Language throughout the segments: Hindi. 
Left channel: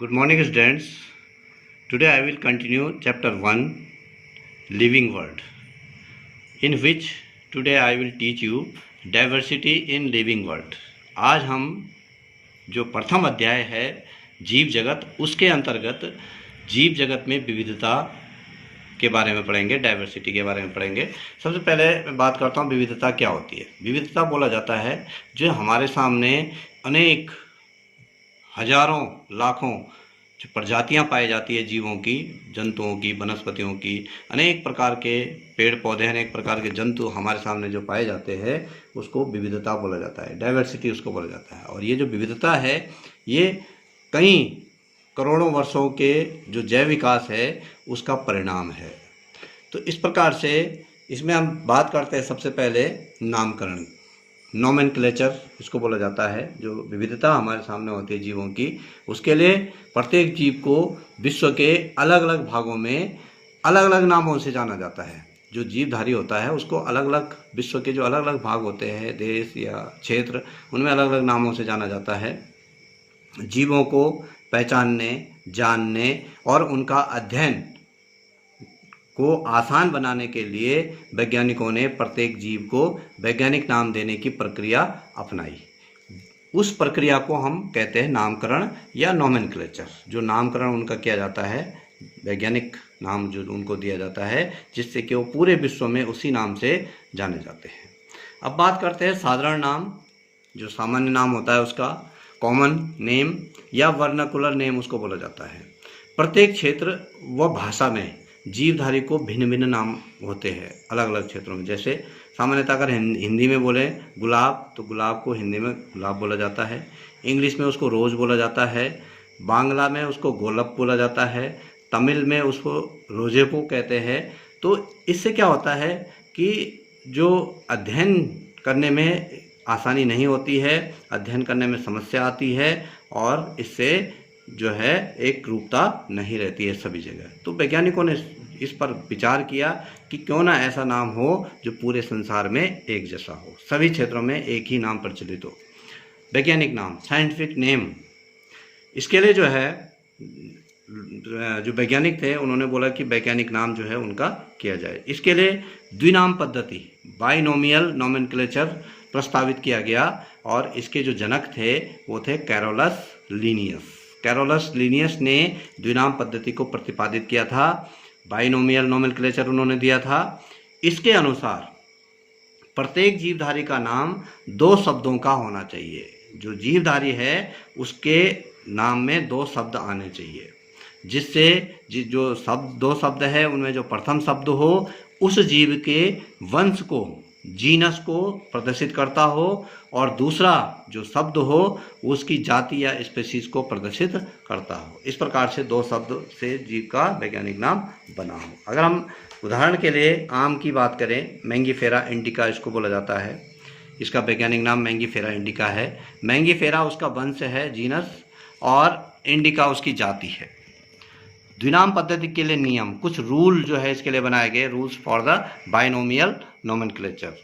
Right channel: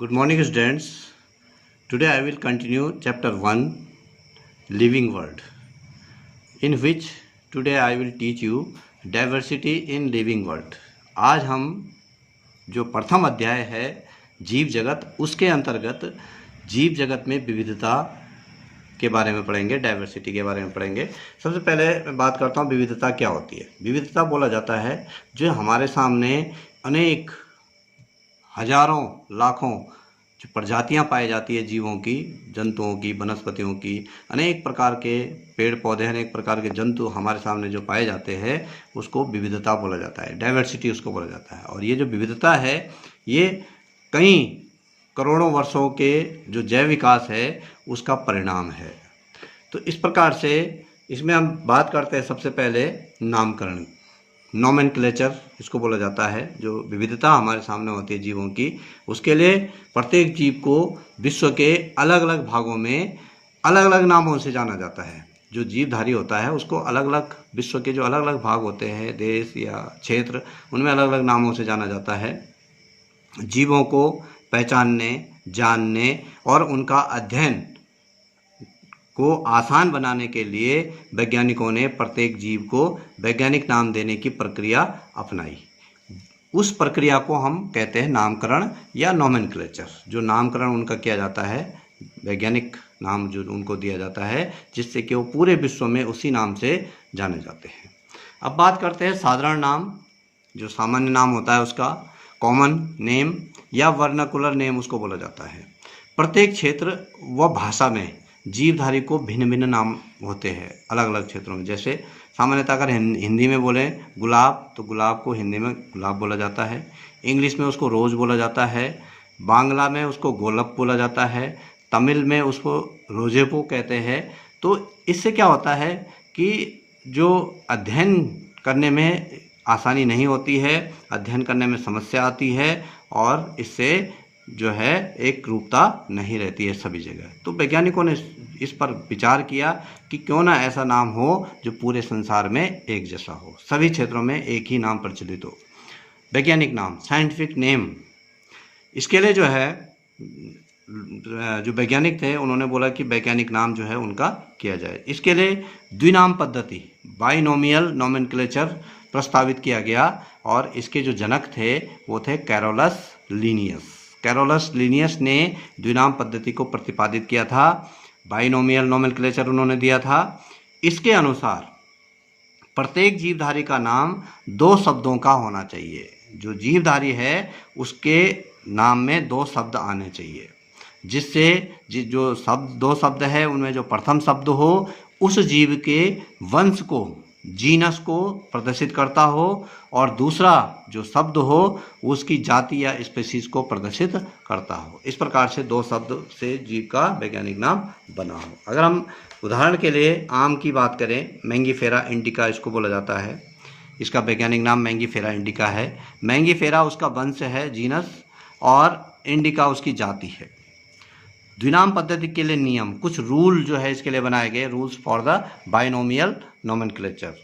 Good morning, students. Today I will continue chapter 1 Living World, in which today I will teach you diversity in living world. आज हम जो प्रथम अध्याय है जीव जगत, उसके अंतर्गत जीव जगत में विविधता के बारे में पढ़ेंगे, डाइवर्सिटी के बारे में पढ़ेंगे। सबसे पहले मैं बात करता हूँ विविधता क्या होती है। विविधता बोला जाता है जो हमारे सामने अनेक हजारों लाखों जो प्रजातियां पाई जाती है जीवों की, जंतुओं की, वनस्पतियों की, अनेक प्रकार के पेड़ पौधे, अनेक प्रकार के जंतु हमारे सामने जो पाए जाते हैं उसको विविधता बोला जाता है, डाइवर्सिटी उसको बोला जाता है। और ये जो विविधता है ये कई करोड़ों वर्षों के जो जैव विकास है उसका परिणाम है। तो इस प्रकार से इसमें हम बात करते हैं सबसे पहले नामकरण, नोमेनक्लेचर इसको बोला जाता है। जो विविधता हमारे सामने होती है जीवों की, उसके लिए प्रत्येक जीव को विश्व के अलग अलग भागों में अलग अलग नामों से जाना जाता है। जो जीवधारी होता है उसको अलग अलग, विश्व के जो अलग अलग भाग होते हैं, देश या क्षेत्र, उनमें अलग अलग नामों से जाना जाता है। जीवों को पहचानने, जानने और उनका अध्ययन को आसान बनाने के लिए वैज्ञानिकों ने प्रत्येक जीव को वैज्ञानिक नाम देने की प्रक्रिया अपनाई। उस प्रक्रिया को हम कहते हैं नामकरण या नोमेनक्लेचर। जो नामकरण उनका किया जाता है, वैज्ञानिक नाम जो उनको दिया जाता है, जिससे कि वो पूरे विश्व में उसी नाम से जाने जाते हैं। अब बात करते हैं साधारण नाम, जो सामान्य नाम होता है उसका, कॉमन नेम या वर्नाकुलर नेम उसको बोला जाता है। प्रत्येक क्षेत्र व भाषा में जीवधारी को भिन्न भिन्न नाम होते हैं अलग अलग क्षेत्रों में। जैसे सामान्यतः अगर हिंदी में बोले गुलाब, तो गुलाब को हिंदी में गुलाब बोला जाता है, इंग्लिश में उसको रोज़ बोला जाता है, बांग्ला में उसको गोलप बोला जाता है, तमिल में उसको रोजेपो कहते हैं। तो इससे क्या होता है कि जो अध्ययन करने में आसानी नहीं होती है, अध्ययन करने में समस्या आती है और इससे जो है एक रूपता नहीं रहती है सभी जगह। तो वैज्ञानिकों ने इस पर विचार किया कि क्यों ना ऐसा नाम हो जो पूरे संसार में एक जैसा हो, सभी क्षेत्रों में एक ही नाम प्रचलित हो। वैज्ञानिक नाम, साइंटिफिक नेम, इसके लिए जो है जो वैज्ञानिक थे उन्होंने बोला कि वैज्ञानिक नाम जो है उनका किया जाए। इसके लिए द्विनाम पद्धति, बाइनोमियल नोमेनक्लेचर प्रस्तावित किया गया और इसके जो जनक थे वो थे कैरोलस लीनियस। कैरोलस लीनियस ने द्विनाम पद्धति को प्रतिपादित किया था, बाइनोमियल नोमेनक्लेचर उन्होंने दिया था। इसके अनुसार प्रत्येक जीवधारी का नाम दो शब्दों का होना चाहिए। जो जीवधारी है उसके नाम में दो शब्द आने चाहिए, जिससे जो शब्द, दो शब्द है उनमें जो प्रथम शब्द हो उस जीव के वंश को, जीनस को प्रदर्शित करता हो और दूसरा जो शब्द हो उसकी जाति या स्पेसीज को प्रदर्शित करता हो। इस प्रकार से दो शब्द से जीव का वैज्ञानिक नाम बना हो। अगर हम उदाहरण के लिए आम की बात करें, मैंगीफेरा इंडिका इसको बोला जाता है, इसका वैज्ञानिक नाम मैंगीफेरा इंडिका है। मैंगीफेरा उसका वंश है, जीनस, और इंडिका उसकी जाति है। द्विनाम पद्धति के लिए नियम, कुछ रूल जो है इसके लिए बनाए गए, rules for the binomial nomenclature.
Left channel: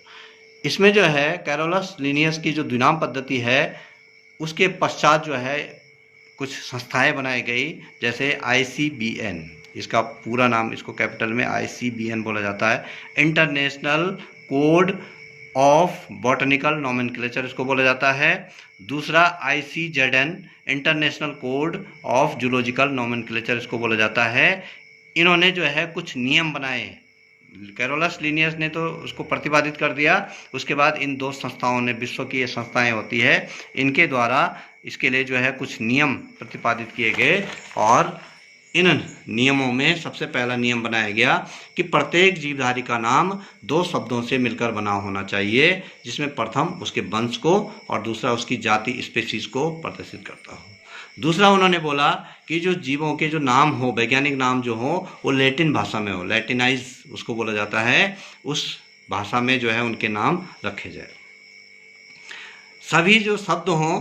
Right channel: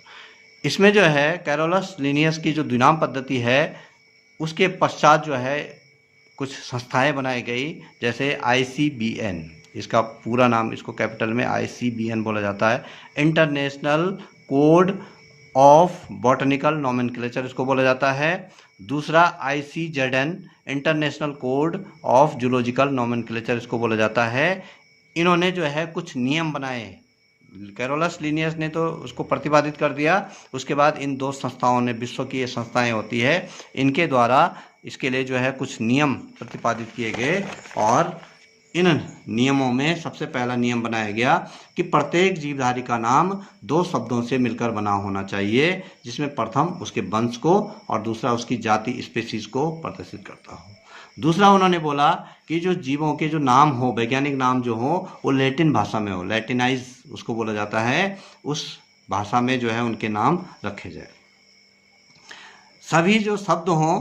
इसमें जो है कैरोलस लीनियस की जो द्विनाम पद्धति है उसके पश्चात जो है कुछ संस्थाएं बनाई गई, जैसे ICBN, इसका पूरा नाम, इसको कैपिटल में ICBN बोला जाता है, international code of botanical nomenclature इसको बोला जाता है। दूसरा ICZN, international code of zoological nomenclature इसको बोला जाता है। इन्होंने जो है कुछ नियम बनाए। कैरोलस लीनियस ने तो उसको प्रतिपादित कर दिया, उसके बाद इन दो संस्थाओं ने, विश्व की ये संस्थाएं होती है, इनके द्वारा इसके लिए जो है कुछ नियम प्रतिपादित किए गए और इन नियमों में सबसे पहला नियम बनाया गया कि प्रत्येक जीवधारी का नाम दो शब्दों से मिलकर बना होना चाहिए, जिसमें प्रथम उसके वंश को और दूसरा उसकी जाति, स्पेसीज को प्रदर्शित करता हो। दूसरा उन्होंने बोला कि जो जीवों के जो नाम हो, वैज्ञानिक नाम जो हो, वो लैटिन भाषा में हो, लैटिनाइज उसको बोला जाता है, उस भाषा में जो है उनके नाम रखे जाए। सभी जो शब्द हों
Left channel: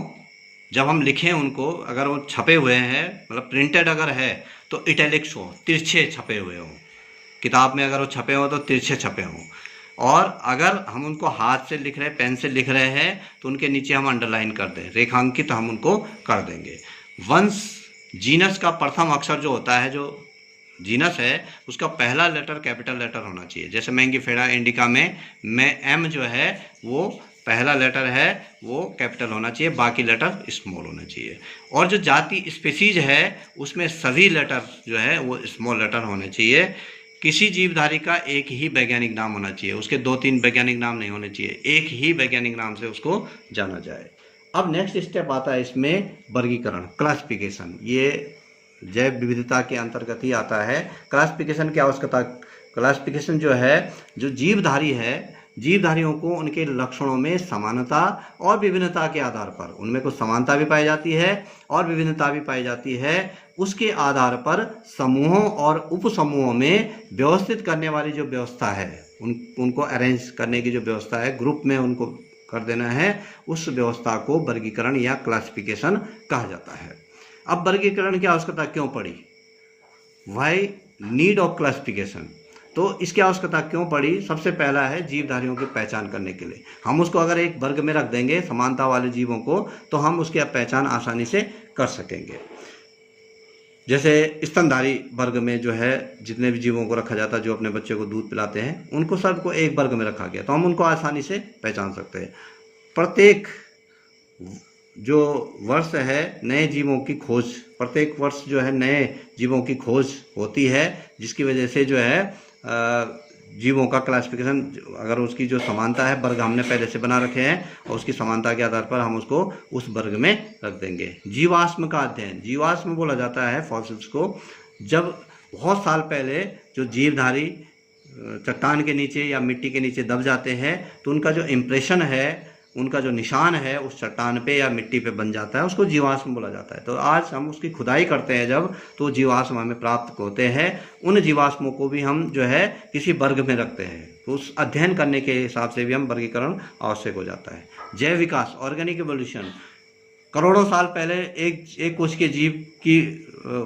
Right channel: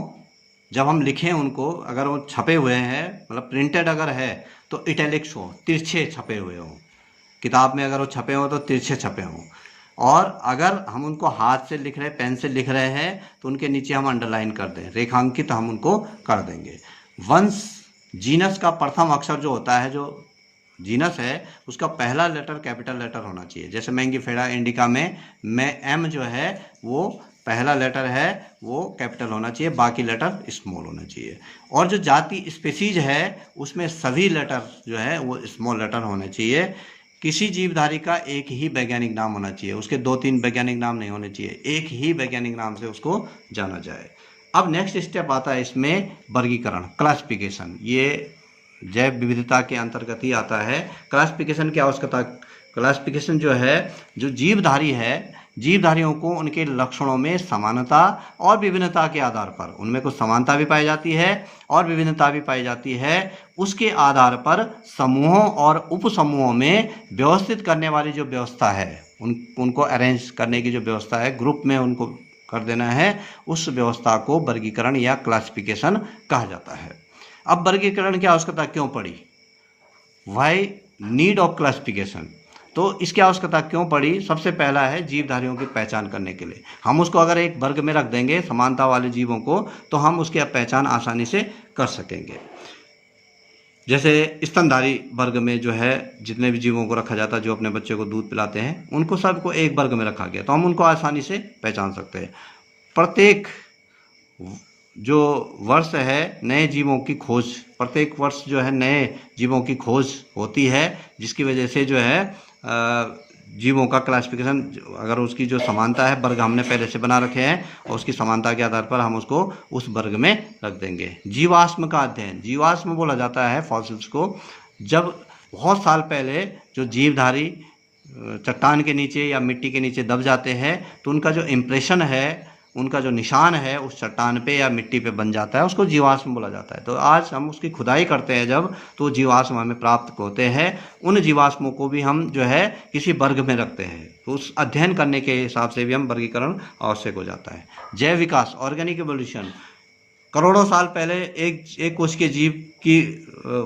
जब हम लिखें उनको, अगर वो छपे हुए हैं, मतलब प्रिंटेड अगर है तो इटैलिक्स हो, तिरछे छपे हुए हों। किताब में अगर वो छपे हो तो तिरछे छपे हों। और अगर हम उनको हाथ से लिख रहे हैं, पेन से लिख रहे हैं, तो उनके नीचे हम अंडरलाइन कर दें, रेखांकित हम उनको कर देंगे। वंश जीनस का प्रथम अक्षर जो होता है, जो जीनस है उसका पहला लेटर कैपिटल लेटर होना चाहिए। जैसे मैंगीफेरा इंडिका में एम जो है वो पहला लेटर है वो कैपिटल होना चाहिए, बाकी लेटर स्मॉल होना चाहिए। और जो जाति स्पीसीज है उसमें सभी लेटर जो है वो स्मॉल लेटर होने चाहिए। किसी जीवधारी का एक ही वैज्ञानिक नाम होना चाहिए, उसके 2-3 वैज्ञानिक नाम नहीं होने चाहिए, एक ही वैज्ञानिक नाम से उसको जाना जाए। अब नेक्स्ट स्टेप आता है इसमें वर्गीकरण, क्लासिफिकेशन। ये जैव विविधता के अंतर्गत ही आता है। क्लासिफिकेशन की आवश्यकता, क्लासिफिकेशन जो है, जो जीवधारी है, जीवधारियों को उनके लक्षणों में समानता और विभिन्नता के आधार पर, उनमें कुछ समानता भी पाई जाती है और विभिन्नता भी पाई जाती है, उसके आधार पर समूहों और उपसमूहों में व्यवस्थित करने वाली जो व्यवस्था है, उनको अरेंज करने की जो व्यवस्था है, ग्रुप में उनको कर देना है, उस व्यवस्था को वर्गीकरण या क्लासिफिकेशन कहा जाता है। अब वर्गीकरण की आवश्यकता क्यों पड़ी? Why need of classification? तो इसकी आवश्यकता क्यों पड़ी? सबसे पहला है जीवधारियों की पहचान करने के लिए। हम उसको अगर एक वर्ग में रख देंगे समानता वाले जीवों को, तो हम उसकी पहचान आसानी से कर सकेंगे। जैसे स्तनधारी वर्ग में जो है जितने भी जीवों को रखा जाता है, जो अपने बच्चे को दूध पिलाते हैं, उनको सबको एक वर्ग में रखा गया, तो हम उनको आसानी से पहचान सकते हैं। प्रत्येक जो वर्ष है नए जीवों की खोज, प्रत्येक वर्ष जो है नए जीवों की खोज होती है, जिसकी वजह से जो है जीवों का क्लासिफिकेशन, अगर उसकी जो समानता है, वर्ग हमने पहले से बना रखे हैं और उसकी समानता के आधार पर हम उसको उस वर्ग में रख देंगे। जीवाश्म का अध्ययन, जीवाश्म बोला जाता है फॉसिल्स को। जब बहुत साल पहले जो जीवधारी चट्टान के नीचे या मिट्टी के नीचे दब जाते हैं, तो उनका जो इम्प्रेशन है, उनका जो निशान है उस चट्टान पे या मिट्टी पे बन जाता है, उसको जीवाश्म बोला जाता है। तो आज हम उसकी खुदाई करते हैं जब, तो जीवाश्म हमें प्राप्त होते हैं। उन जीवाश्मों को भी हम जो है किसी वर्ग में रखते हैं, तो उस अध्ययन करने के हिसाब से भी हम वर्गीकरण आवश्यक हो जाता है। जैव विकास, ऑर्गेनिक एवोल्यूशन। करोड़ों साल पहले एक कोश के जीव की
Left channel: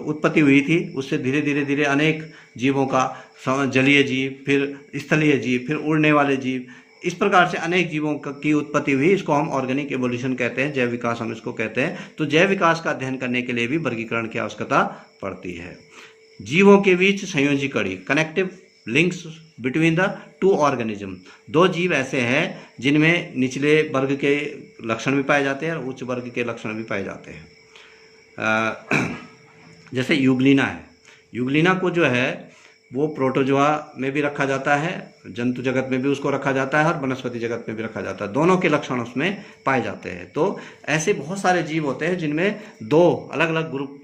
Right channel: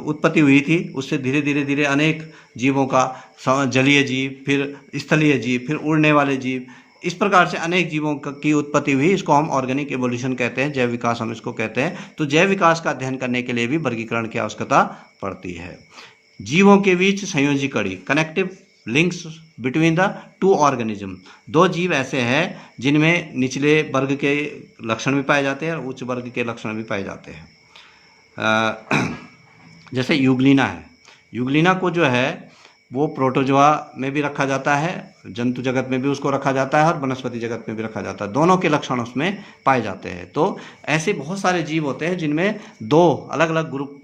उत्पत्ति हुई थी, उससे धीरे धीरे धीरे अनेक जीवों का, जलीय जीव, फिर स्थलीय जीव, फिर उड़ने वाले जीव, इस प्रकार से अनेक जीवों की उत्पत्ति हुई। इसको हम ऑर्गेनिक एवोल्यूशन कहते हैं, जैव विकास हम इसको कहते हैं। तो जैव विकास का अध्ययन करने के लिए भी वर्गीकरण की आवश्यकता पड़ती है। जीवों के बीच संयोजी कड़ी, connective links between the two organism. दो जीव ऐसे हैं जिनमें निचले वर्ग के लक्षण भी पाए जाते हैं और उच्च वर्ग के लक्षण भी पाए जाते हैं। जैसे यूग्लिना है, यूग्लिना को जो है वो प्रोटोजोआ में भी रखा जाता है, जंतु जगत में भी उसको रखा जाता है और वनस्पति जगत में भी रखा जाता है, दोनों के लक्षण उसमें पाए जाते हैं। तो ऐसे बहुत सारे जीव होते हैं जिनमें दो अलग अलग ग्रुप,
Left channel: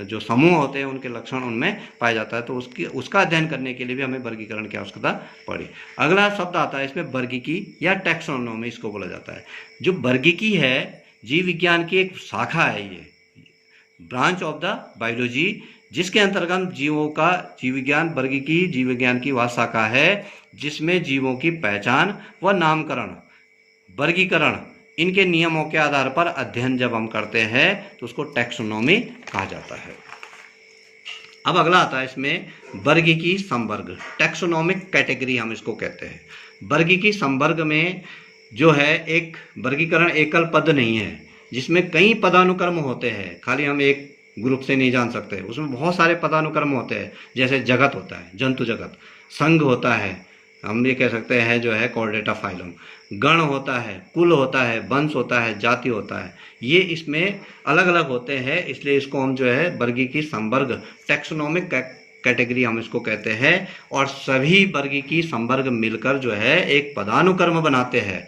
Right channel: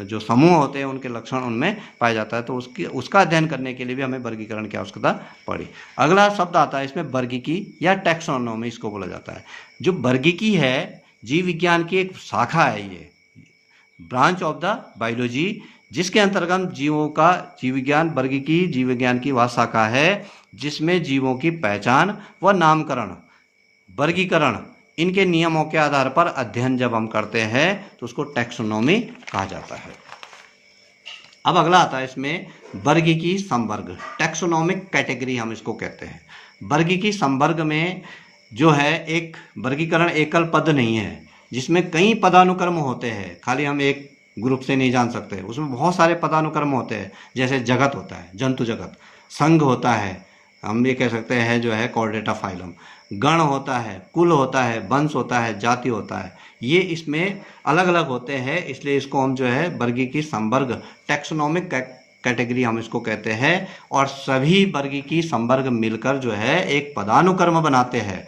जो समूह होते हैं, उनके लक्षण उनमें पाए जाता है। तो उसका अध्ययन करने के लिए भी हमें वर्गीकरण की आवश्यकता पड़ी। अगला शब्द आता है इसमें वर्गीकी या टैक्सोनॉमी, इसको बोला जाता है। जो वर्गीकी है जीव विज्ञान की एक शाखा है, ये ब्रांच ऑफ द बायोलॉजी, जिसके अंतर्गत जीवों का जीव विज्ञान, वर्गीकी जीव विज्ञान की वह शाखा है जिसमें जीवों की पहचान व नामकरण, वर्गीकरण, इनके नियमों के आधार पर अध्ययन जब हम करते हैं तो उसको टैक्सोनॉमी कहा जाता है। अब अगला आता है इसमें वर्गीकी संवर्ग, टैक्सोनॉमिक कैटेगरी हम इसको कहते हैं। वर्गीकी संवर्ग में जो है एक वर्गीकरण एकल पद नहीं है, जिसमें कई पदानुक्रम होते हैं। खाली हम एक ग्रुप से नहीं जान सकते, उसमें बहुत सारे पदानुक्रम होते हैं। जैसे जगत होता है, जंतु जगत, संघ होता है, हम ये कह सकते हैं जो है कॉर्डेटा फाइलम, गण होता है, कुल होता है, वंश होता है, जाति होता है, ये इसमें अलग अलग होते हैं। इसलिए इसको हम जो है वर्गीकी संवर्ग, टैक्सोनॉमिक कैटेगरी हम इसको कहते हैं। और सभी वर्गीकी संवर्ग मिलकर जो है एक पदानुक्रम बनाते हैं,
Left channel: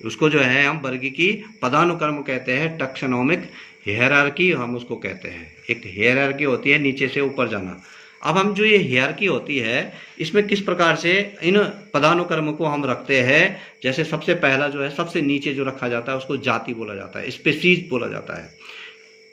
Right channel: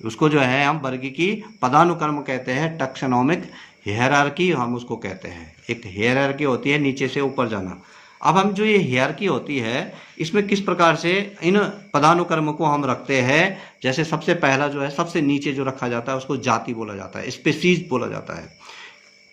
उसको जो है हम वर्गीकी पदानुक्रम कहते हैं। टैक्सोनॉमिक हियरार्की हम उसको कहते हैं। एक हियरार्की होती है नीचे से ऊपर जाना। अब हम जो ये हियरार्की होती है, इसमें किस प्रकार से इन पदानुक्रम को हम रखते हैं। जैसे सबसे पहला जो है, सबसे नीचे जो रखा जाता है उसको जाति बोला जाता है, स्पीसीज बोला जाता है।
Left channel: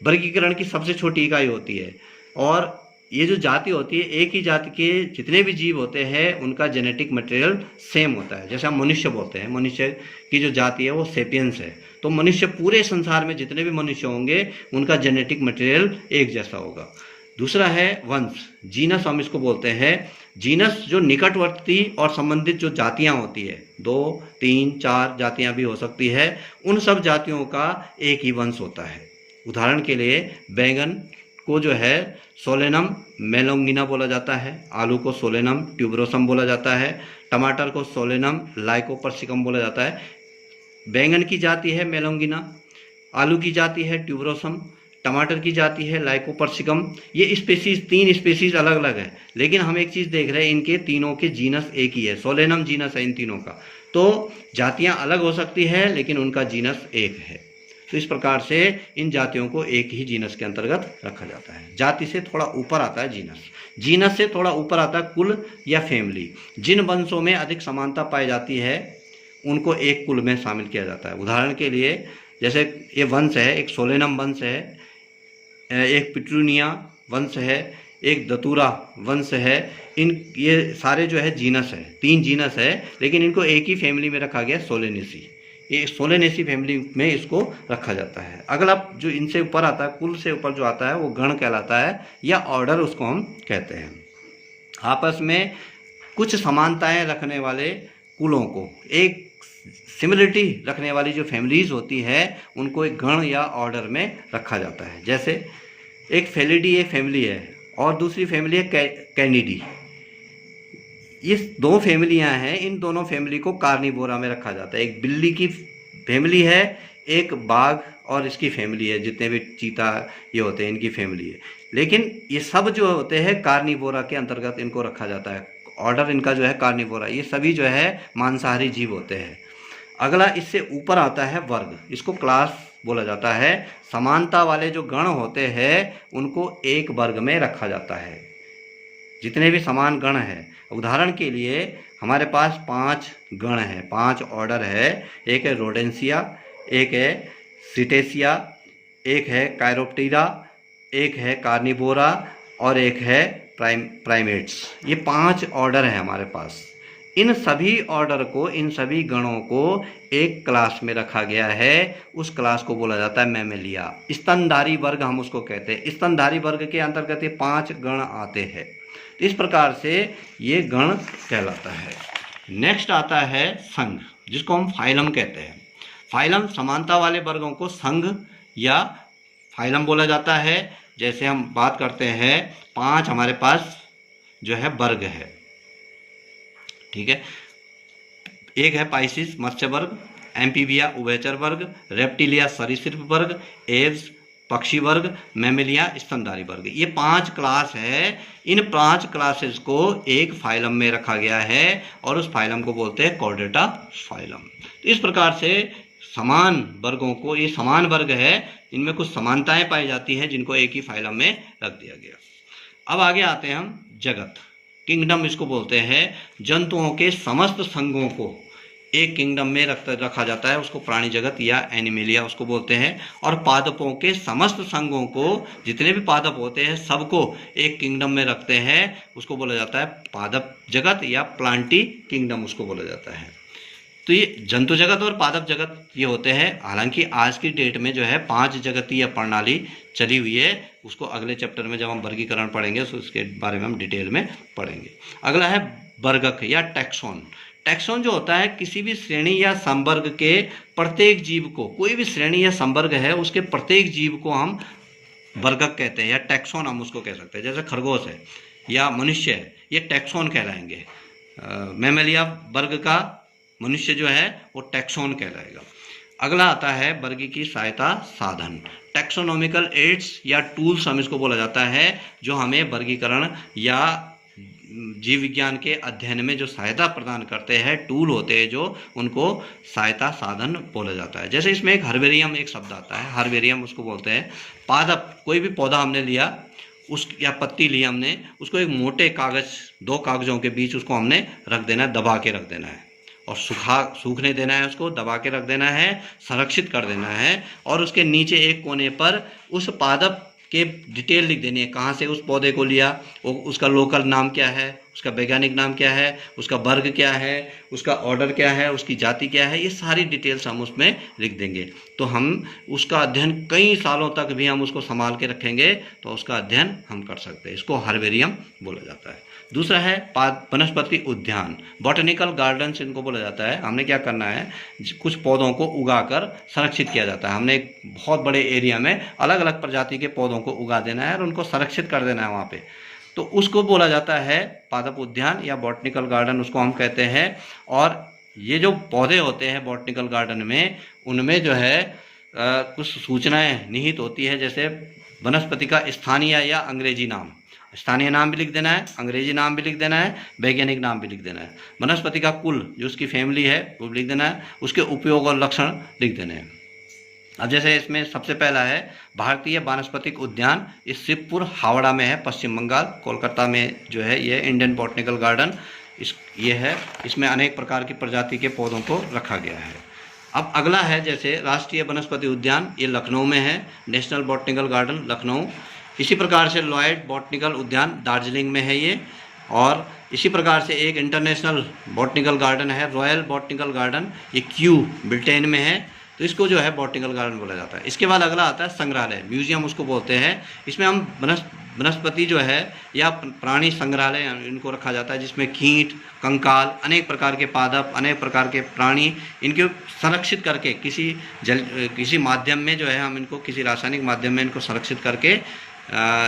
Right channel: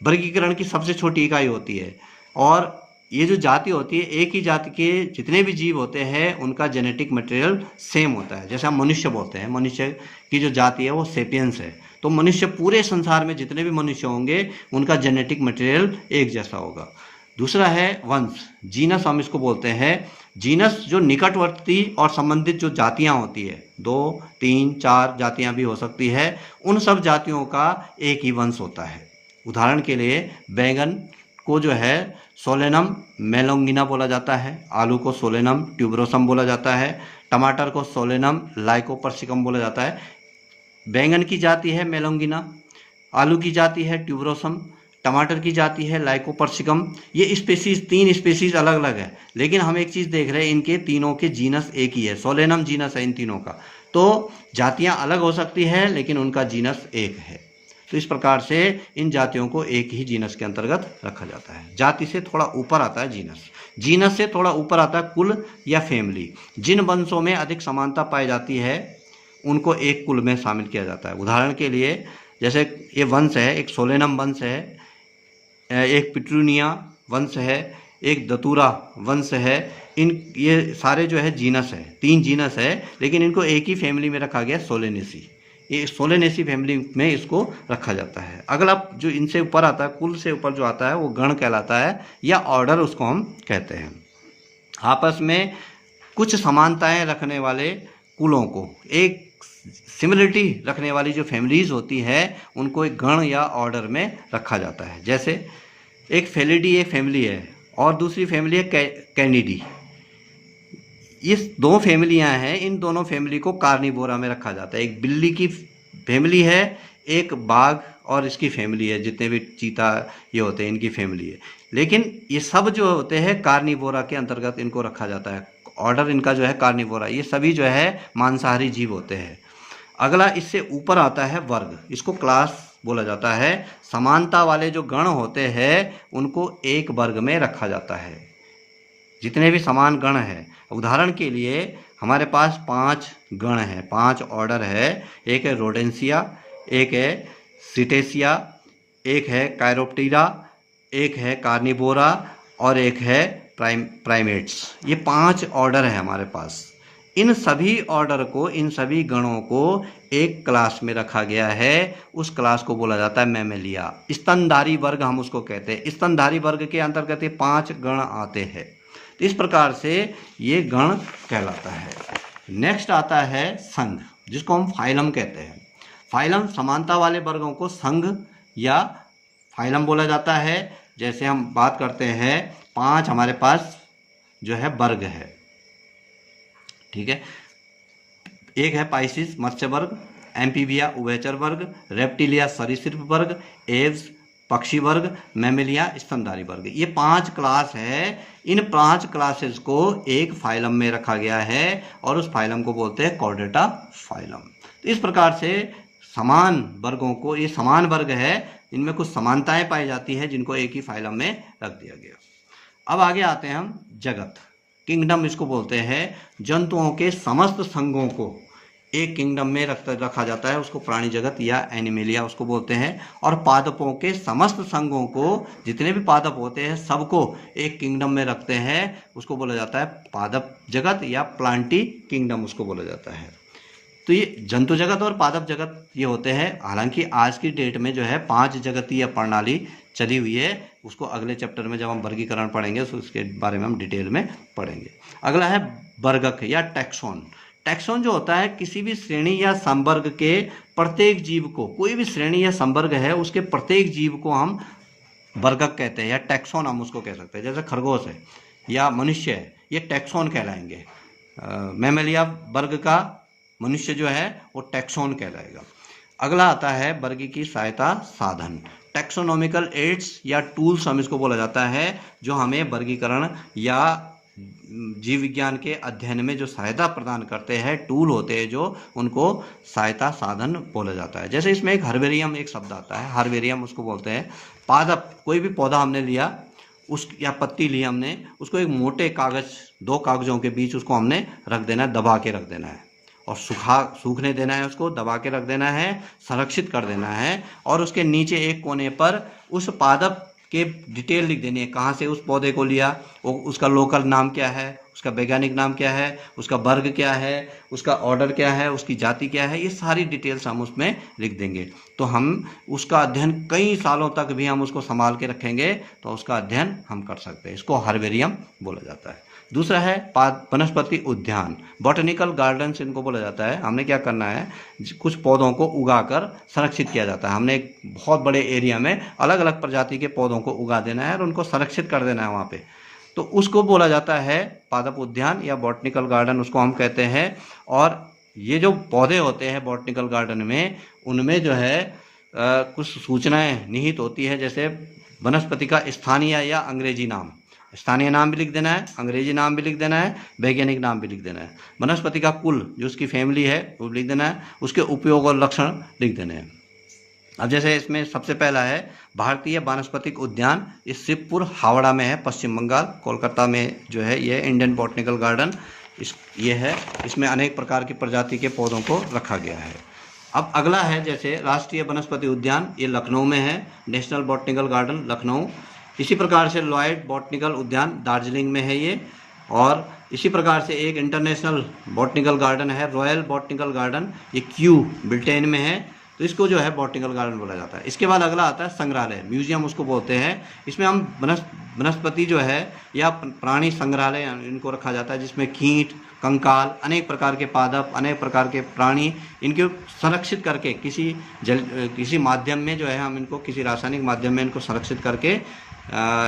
वर्गीकरण की सबसे छोटी इकाई होती है। और ये जो जाति होती है, एक ही जाति के जितने भी जीव होते हैं उनका जेनेटिक मटेरियल सेम होता है। जैसे हम मनुष्य बोलते हैं, मनुष्य की जो जाति है वो सेपियंस है, तो मनुष्य, पूरे संसार में जितने भी मनुष्य होंगे उनका जेनेटिक मटेरियल एक जैसा होगा। दूसरा है वंश, जीनस हम इसको बोलते हैं। जीनस जो निकटवर्ती और संबंधित जो जातियां होती है, 2, 3, 4 जातियां भी हो सकती है, उन सब जातियों का एक ही वंश होता है। उदाहरण के लिए बैगन को जो है सोलेनम मेलोंगिना बोला जाता है, आलू को सोलेनम ट्यूबरोसम बोला जाता है, टमाटर को सोलेनम लाइकोपर्सिकम बोला जाता है। बैंगन की जाति है मेलोंगिना, आलू की जाति है ट्यूबरोसम, टमाटर की जाति है लाइकोपर्सिकम। ये स्पेसीज, 3 स्पेसीज अलग अलग है, लेकिन हम एक चीज़ देख रहे हैं, इनके तीनों के जीनस एक ही है, सोलेनम जीनस है इन तीनों का। तो जातियां अलग हो सकती है लेकिन उनका जीनस एक है। तो इस प्रकार से इन जातियों को एक ही जीनस के अंतर्गत रखा जाता है। जाति से थोड़ा ऊपर आता है जीनस, जीनस से थोड़ा ऊपर आता है कुल या फैमिली। जिन वंशों में अधिक समानता पाई जाती है उनको एक कुल में शामिल किया जाता है। उदाहरण के लिए जैसे ये वंश है, एक सोलेनम वंश है, एक पिट्रूनिया वंश है, एक दतूरा वंश है। ये सारे जो है जीनस है, 3 जीनस है, लेकिन इनको एक ही फैमिली में रखा गया, सोलेनेसी। ये सोलेनेसी फैमिली में इसको रखा जाता है। अगला जो इनसे ऊपर आता है, कुल से ऊपर जो आता है वो गण कहलाता है, या ऑर्डर उसको हम कहते हैं। आपस में कुछ समानताएं रखने वाले कुलों को, एक सिमिलरिटी रखने वाली जो फैमिलीज होती है उनको एक गण या ऑर्डर में रखा जाता है। जैसे एक फेलिडी एक फैमिली है और दूसरी फैमिली है कैनिडी। ये 2 फैमिलियां हैं, इन दोनों फैमिली को कार्निवोरा में रखा जाता है। एक बिल्ली की फैमिली है, एक बाघ और इसकी फैमिली है, जितने भी चीता ये होते हैं इनकी फैमिली है। लेकिन ये सब जो होते हैं कार्निवोरा के अंतर्गत इनको रखा जाता है। ऑर्डर इनका जो है कार्निवोरा। ये सभी जो है मांसाहारी जीव होते हैं। अगला इससे ऊपर आता है वर्ग, इसको क्लास बोला जाता है। समानता वाले जो गण होते हैं उनको एक वर्ग में रखा जाता है, जितने भी समान गण हैं। उदाहरण के लिए हमारे पास 5 गण हैं, 5 ऑर्डर है। एक है रोडेंसिया, एक है सिटेसिया, एक है कायरोप्टेरा, एक है कार्निवोरा और एक है प्राइमेट्स। ये 5 ऑर्डर है हमारे पास। इन सभी ऑर्डर को, इन सभी गणों को एक क्लास में रखा गया है। उस क्लास को बोला जाता है मैमेलिया। स्तनधारी वर्ग हम उसको कहते हैं। स्तनधारी वर्ग के अंतर्गत ये 5 गण आते हैं। इस प्रकार से ये गण कहलाता है। नेक्स्ट आता है संघ, जिसको हम फाइलम कहते हैं। फाइलम समानता वाले वर्गों को संघ या फाइलम बोला जाता है। जैसे हम बात करते हैं, 5 हमारे पास जो है वर्ग है, ठीक है। एक है पाइसिस मत्स्य वर्ग, एम्फीबिया उभयचर वर्ग, रेप्टिलिया सरीसृप वर्ग, एव्स पक्षी वर्ग, मैमेलिया स्तनधारी वर्ग। ये 5 क्लास है। इन 5 क्लासेस को एक फाइलम में रखा गया है और उस फाइलम को बोलते हैं कॉर्डेटा फाइलम। इस प्रकार से समान वर्गों को, ये समान वर्ग है, इनमें कुछ समानताएं पाई जाती हैं जिनको एक ही फाइलम में रख दिया गया। अब आगे आते हैं हम जगत, किंगडम इसको बोलते हैं। जंतुओं के समस्त संघों को एक किंगडम में रखा जाता है, उसको प्राणी जगत या एनिमेलिया उसको बोलते हैं। और पादपों के समस्त संघों को, जितने भी पादप होते हैं सबको एक किंगडम में रखते हैं, उसको बोला जाता है पादप जगत या प्लांटी किंगडम उसको बोला जाता है। तो ये जंतु जगत और पादप जगत ये होते हैं। हालांकि आज की डेट में जो है 5 जगतीय प्रणाली चली हुई है, उसको अगले चैप्टर में जब हम वर्गीकरण पढ़ेंगे तो उसके बारे में हम डिटेल में पढ़ेंगे। अगला है वर्गक या टैक्सोन। टैक्सोन जो होता है, किसी भी श्रेणी या संवर्ग के प्रत्येक जीव को, कोई भी श्रेणी या संवर्ग है उसके प्रत्येक जीव को हम वर्गक कहते हैं या टैक्सोन हम उसको कह सकते हैं। जैसे खरगोश है या मनुष्य है, ये टैक्सोन कहलाएंगे। मैमेलिया वर्ग का मनुष्य जो है वो टैक्सोन कहलाएगा। अगला आता है वर्गी की सहायता साधन, टैक्सोनॉमिकल एड्स या टूल्स हम इसको बोला जाता है, जो हमें वर्गीकरण या जीव विज्ञान के अध्ययन में जो सहायता प्रदान करते हैं, टूल होते हैं जो, उनको सहायता साधन बोला जाता है। जैसे इसमें एक हर्बेरियम एक शब्द आता है, हर्बेरियम उसको बोलते हैं। पादप, कोई भी पौधा हमने लिया उस या पत्ती ली हमने, उसको एक मोटे कागज, 2 कागजों के बीच उसको हमने रख देना है, दबा के रख देना है और सूखने देना है, उसको दबा के रख देना है, संरक्षित कर देना है। और उसके नीचे एक कोने पर उस पादप के डिटेल लिख देनी है, कहाँ से उस पौधे को लिया, उसका लोकल नाम क्या है, उसका वैज्ञानिक नाम क्या है, उसका वर्ग क्या है, उसका ऑर्डर क्या है, उसकी जाति क्या है, ये सारी डिटेल्स हम उसमें लिख देंगे। तो हम उसका अध्ययन कई सालों तक भी हम उसको संभाल के रखेंगे, तो उसका अध्ययन हम कर सकते हैं। इसको हर्बेरियम बोला जाता है। दूसरा है वनस्पति उद्यान, बॉटनिकल गार्डन्स इनको बोला जाता है। हमने क्या करना है, कुछ पौधों को उगाकर संरक्षित किया जाता है। हमने एक बहुत बड़े एरिया में अलग अलग प्रजाति के पौधों को उगा देना है और उनको संरक्षित कर देना है वहाँ पे, तो उसको बोला जाता है पादप उद्यान या बॉटनिकल गार्डन, उसको हम कहते हैं। और ये जो पौधे होते हैं बॉटनिकल गार्डन में, उनमें जो है कुछ सूचनाएं निहित होती है, जैसे वनस्पति का स्थानीय या अंग्रेजी नाम, स्थानीय नाम भी लिख देना है, अंग्रेजी नाम भी लिख देना है, वैज्ञानिक नाम भी लिख देना है। वनस्पति का कुल, जो उसकी फैमिली है, वो लिख देना है, उसके उपयोग और लक्षण लिख देने हैं। अब जैसे इसमें सबसे पहला है भारतीय वानस्पतिक उद्यान, ये शिवपुर हावड़ा में है, पश्चिम बंगाल। कोलकाता में जो है ये इंडियन बॉटनिकल गार्डन ये है। इसमें अनेक प्रकार की प्रजाति के पौधों को रखा गया है। अब अगला है जैसे राष्ट्रीय वनस्पति उद्यान, ये लखनऊ में है, नेशनल बॉटनिकल गार्डन लखनऊ। इसी प्रकार से लॉयड बॉटनिकल उद्यान दार्जिलिंग में है ये। और इसी प्रकार से एक इंटरनेशनल बॉटनिकल गार्डन है रॉयल बॉटनिकल गार्डन, ये क्यू ब्रिटेन में है, तो इसको जो है बॉटनिकल गार्डन बोला जाता है। इसके बाद अगला आता है संग्रहालय, म्यूजियम उसको बोलते हैं। इसमें हम वनस्पति जो है या प्राणी संग्रहालय इनको रखा जाता है, जिसमें कीट, कंकाल, अनेक प्रकार के पादप, अनेक प्रकार के प्राणी, इनको संरक्षित करके किसी माध्यम में जो है हम इनको किसी रासायनिक माध्यम में इनको संरक्षित करके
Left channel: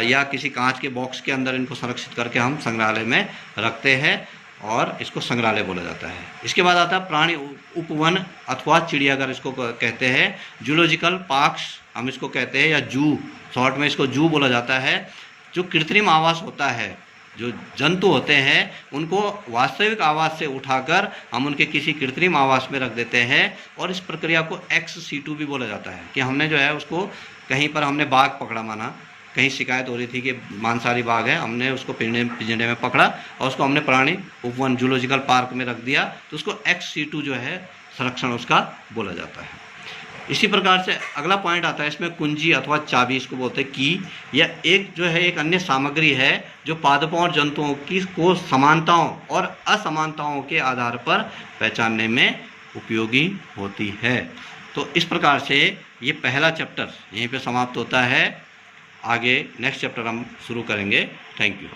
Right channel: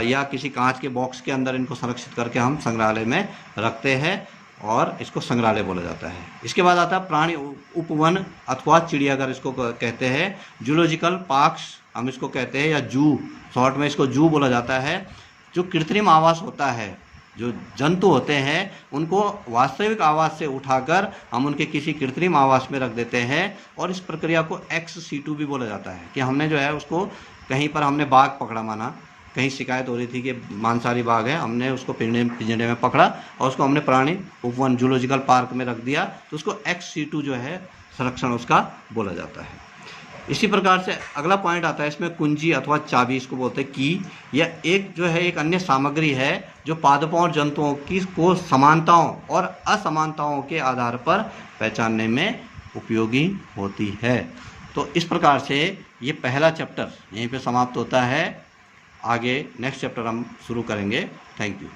या किसी कांच के बॉक्स के अंदर इनको संरक्षित करके हम संग्रहालय में रखते हैं और इसको संग्रहालय बोला जाता है। इसके बाद आता है प्राणी उपवन अथवा चिड़ियाघर इसको कहते हैं, जूलॉजिकल पार्क्स हम इसको कहते हैं, या जू, शॉर्ट में इसको जू बोला जाता है। जो कृत्रिम आवास होता है, जो जंतु होते हैं उनको वास्तविक आवास से उठाकर हम उनके किसी कृत्रिम आवास में रख देते हैं, और इस प्रक्रिया को एक्स सीटू भी बोला जाता है। कि हमने जो है उसको कहीं पर हमने बाघ पकड़ा, माना कहीं शिकायत हो रही थी कि मांसाहारी बाघ है, हमने उसको पिंजरे में पकड़ा और उसको हमने प्राणी उपवन जूलॉजिकल पार्क में रख दिया, तो उसको एक्स सीटू जो है संरक्षण उसका बोला जाता है। इसी प्रकार से अगला पॉइंट आता है इसमें कुंजी अथवा चाबी, इसको बोलते हैं की, या एक जो है एक अन्य सामग्री है जो पादपों और जंतुओं की को समानताओं और असमानताओं के आधार पर पहचानने में उपयोगी होती है। तो इस प्रकार से ये पहला चैप्टर यहीं पे समाप्त होता है। आगे नेक्स्ट चैप्टर हम शुरू करेंगे। Thank you.